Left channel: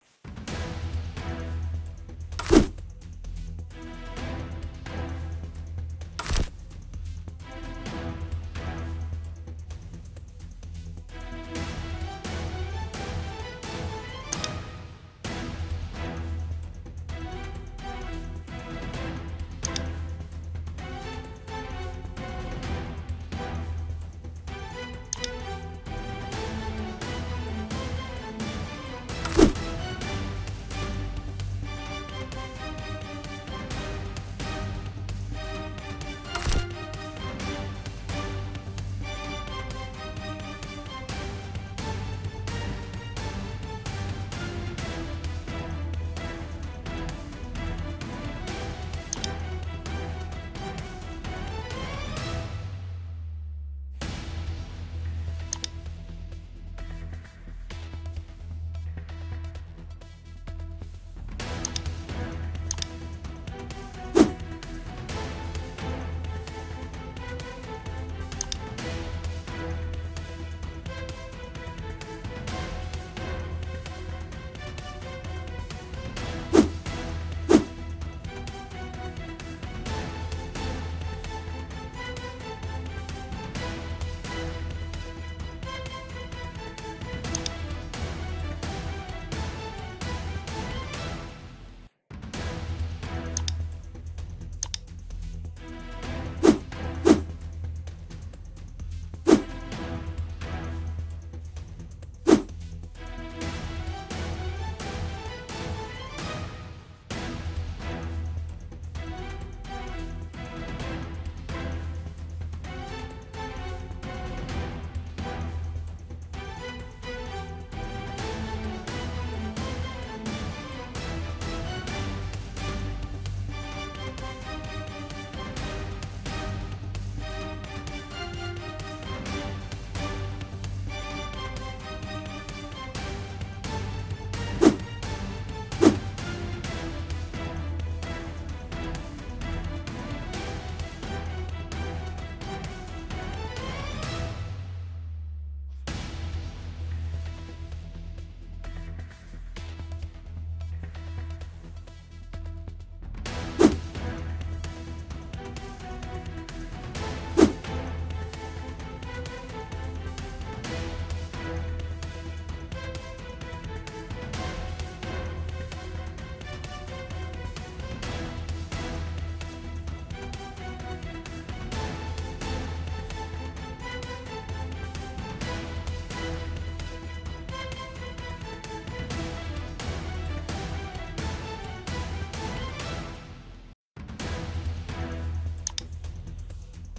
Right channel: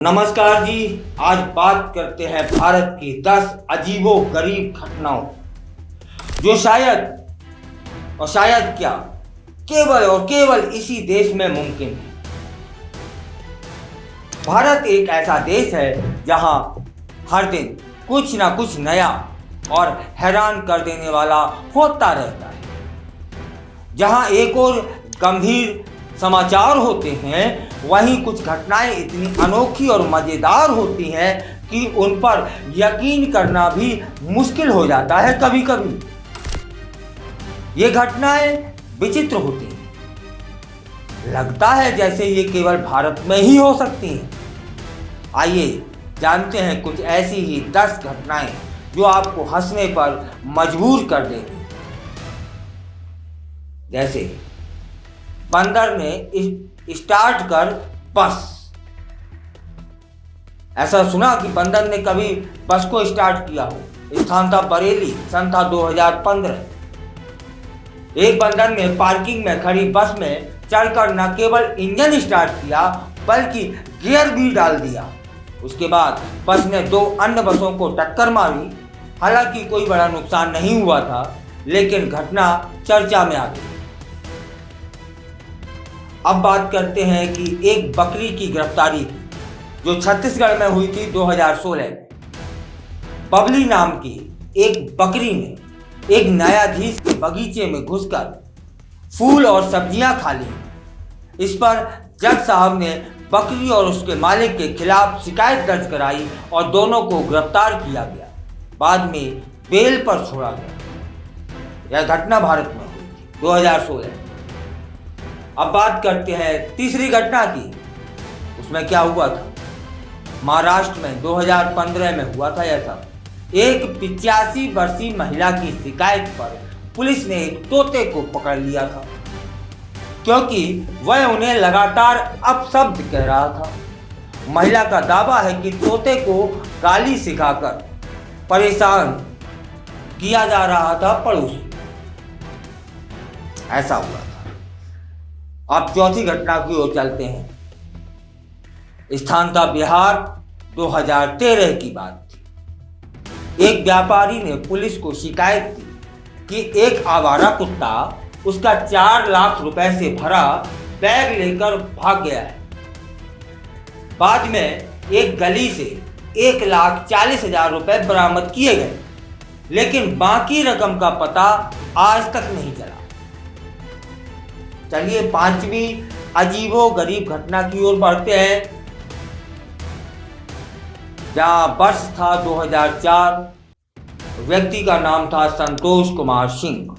नमस्कार जी। आज बात करते हैं भारत की 10 अजीबो गरीब घटनाओं जो शायद क्या केवल और केवल इसी देश में मुमकिन है। भारत एक ऐसा देश है जहां हर दिन कुछ ना कुछ नया और हैरान कर देने वाला होता रहता है। जहां एक और गंभीर समाचार होते हैं, वहीं कुछ घटनाएं इतनी अनोखी और मज़ेदार होती हैं कि उन पर यकीन करना भी मुश्किल हो जाता है कभी कभी। ये घटनाएं विचित्र होती हैं, लगता है जैसे ये केवल भारत में ही हो सकती हैं। आइए जानते हैं कुछ ऐसी ही 10 घटनाएं जो आपको हंसने पर मजबूर कर देंगी। जैसे बंदर ने स्टार्ट कर बस। ऐसा सुना कि बंदर ने कभी बस को स्टार्ट किया हो। स्थान था बरेली, सन था 2015। एक बंदर ने पार्किंग में खड़ी बस में चढ़कर न केवल इंजन स्टार्ट किया बल्कि गियर भी डाल दिया। उसके बाद बस ने 2 अन्य बसों को टक्कर मारी। हालांकि कोई बड़ा नुकसान नहीं हुआ था, लेकिन घटना चर्चा में आ गई। अब बात करते हैं कि एक बकरी की गिरफ्तारी जो छत्तीसगढ़ में हुई थी 2016 में। बबली नाम की एक बकरी ने एक न्यायाधीश के बगीचे में घुसकर फूल और सब्जियां खा ली। इस पर जज साहब ने बकरी और उसके मालिक के खिलाफ शिकायत दर्ज कराई और दोनों को गिरफ्तार किया गया। बाद में बेल पर छोड़ा गया। यह घटना भारत में हुई 2016। अब बात करते हैं तीसरी घटना की। उसमें क्या हुआ था? महाराष्ट्र में 2015 में हुआ था। यह था एक 85 वर्षीय महिला की शिकायत पर पुलिस ने एक तोते को पकड़ लिया था, क्योंकि वह उन्हें लगातार अपशब्द कह रहा था। महिला का दावा है कि तोते को गाली सिखाकर परेशान किया जा रहा था पड़ोसी। ऐसा हुआ था। अब चौथी घटना की ओर चलते हैं। स्थान था बिहार, 2013 की बात थी। एक व्यापारी ने पुलिस को शिकायत की कि एक आवारा कुत्ता उसका 4 लाख रुपए से भरा बैग लेकर भाग गया है। बाद में एक गली से 1,40,000 रुपए बरामद किए गए, लेकिन बाकी रकम का पता आज तक नहीं चला। चलिए 5वीं अजीबो गरीब घटना की ओर बढ़ते हैं, जहां वर्ष था 2004। व्यक्ति का नाम था संतोष कुमार सिंह।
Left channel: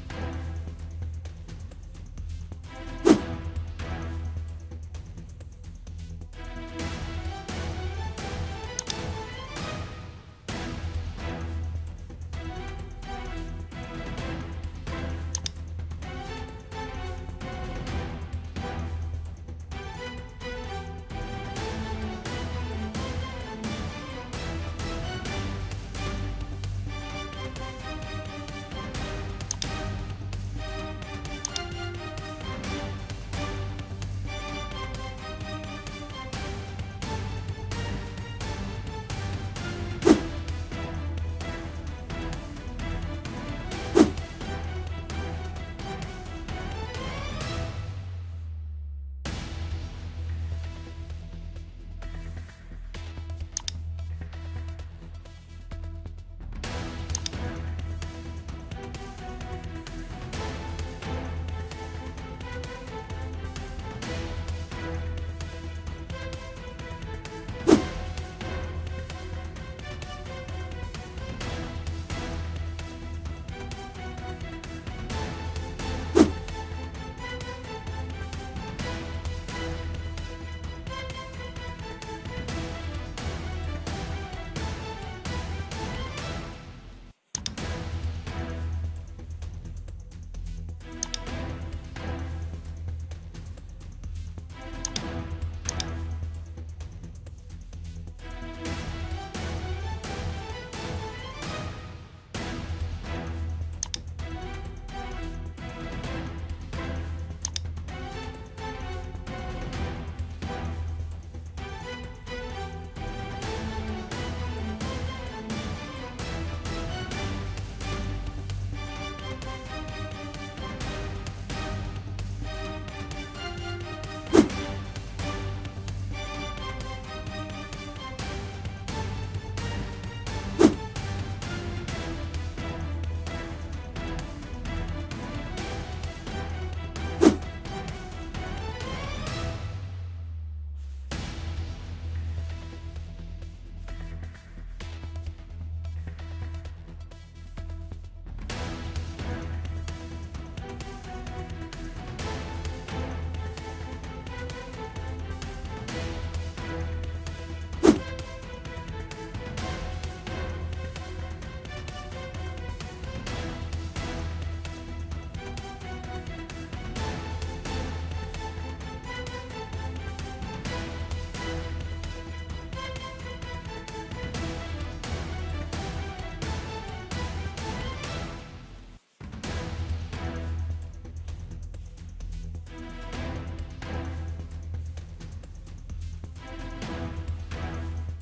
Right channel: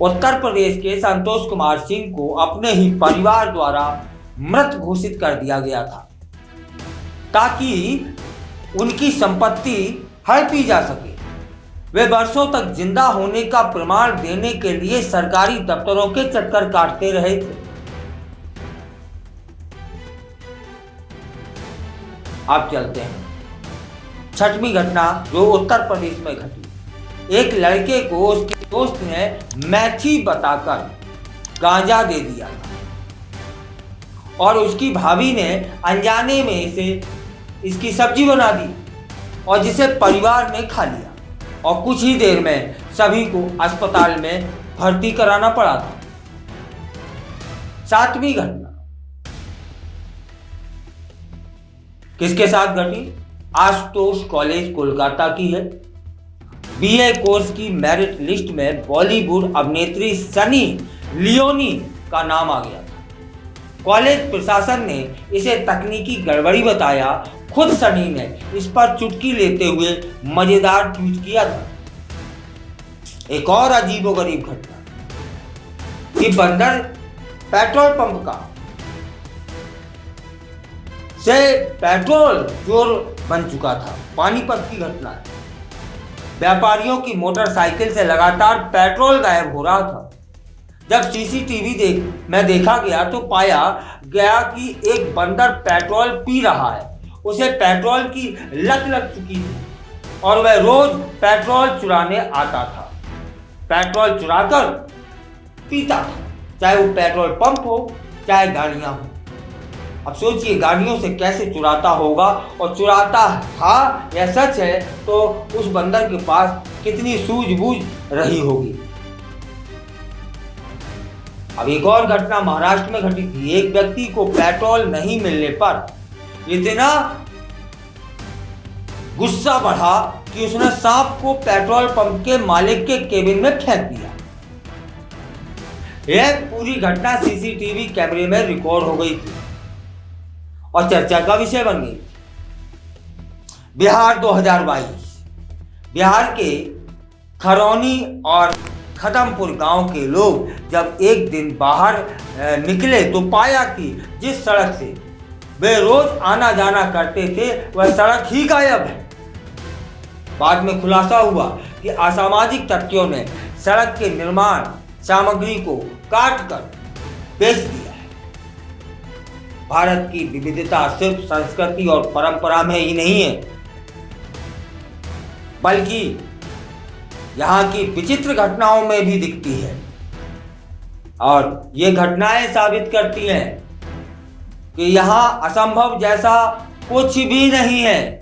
उत्तर प्रदेश के संतोष कुमार सिंह को अपने ही परिवार द्वारा मृत घोषित कर दिया गया था, ताकि उनकी संपत्ति हड़पी जा सके। वे वर्षों तक जिंदा होने का प्रमाण देने के लिए सरकारी दफ्तरों के चक्कर काटते रहे थे। अब चलते हैं 6वीं घटना जो उत्तर प्रदेश में घटी। एक लड़के को उसके दोस्त ने मैथी बताकर गांजा दे दिया और उसकी भाभी ने अनजाने में इसकी सब्जी बना दी और जिसे परिवार ने खा लिया और कुछ ही देर में सभी को अस्पताल में भर्ती कराना पड़ा था। 7वीं घटना किसके साथ घटी? आशुतोष कॉलेज कोलकाता की है। बीए कोर्स की मेरिट लिस्ट में बॉलीवुड अभिनेत्री सनी लियोनी का नाम आ गया था। कॉलेज प्रशासन ने इसे तकनीकी गड़बड़ी बताया। खुद सनी ने इस पर चुटकी लेते हुए मजेदार ट्वीट किया था। एक और अजीबोगरीब घटना कि बंदर पेट्रोल पंप का से पेट्रोल चोर बन चुका था। पानीपत की घटना है। व्यापारियों की मोटरसाइकिल से लगातार पेट्रोल गायब हो रहा था। जब सीसीटीवी में देखा गया तो पाया गया कि एक बंदर पेट्रोल पी रहा है। उसे पेट्रोल की लत लग चुकी थी और वह रोज पेट्रोल चुराने आता था। पेट्रोल चुराकर पीता था, चाहे वो पेट्रोल पंप हो चाहे गाड़ियां हो। अब सोचिए गाड़ियों से कैसे चुराता होगा, और चुराता था या सच है तो उस बंदर के पास कितनी सूझबूझ रही होगी। अब एक और घटना महाराष्ट्र में घटी थी। एक व्यक्ति को पेट्रोल नहीं मिलने पर इतना गुस्सा बढ़ा कि उसने सांप को पेट्रोल पंप के मालिक के केबिन में फेंक दिया। यह पूरी घटना सीसीटीवी कैमरे में रिकॉर्ड हो गई थी और चर्चा का विषय बन गई। बिहार 2022। बिहार के खरौनी और खदमपुर गांव के लोग जब एक दिन बाहर निकले तो पाया कि जिस सड़क से वे रोज आना जाना करते थे वह सड़क ही गायब है। बाद में खुलासा हुआ कि असामाजिक तत्वों ने सड़क के निर्माण सामग्री को काट कर बेच दिया है। भारत की विविधता सिर्फ संस्कृति और परंपरा में ही नहीं है, बल्कि यहाँ की विचित्र घटनाओं में भी दिखती है। और ये घटनाएं साबित करती हैं कि यहाँ असंभव जैसा कुछ भी नहीं है।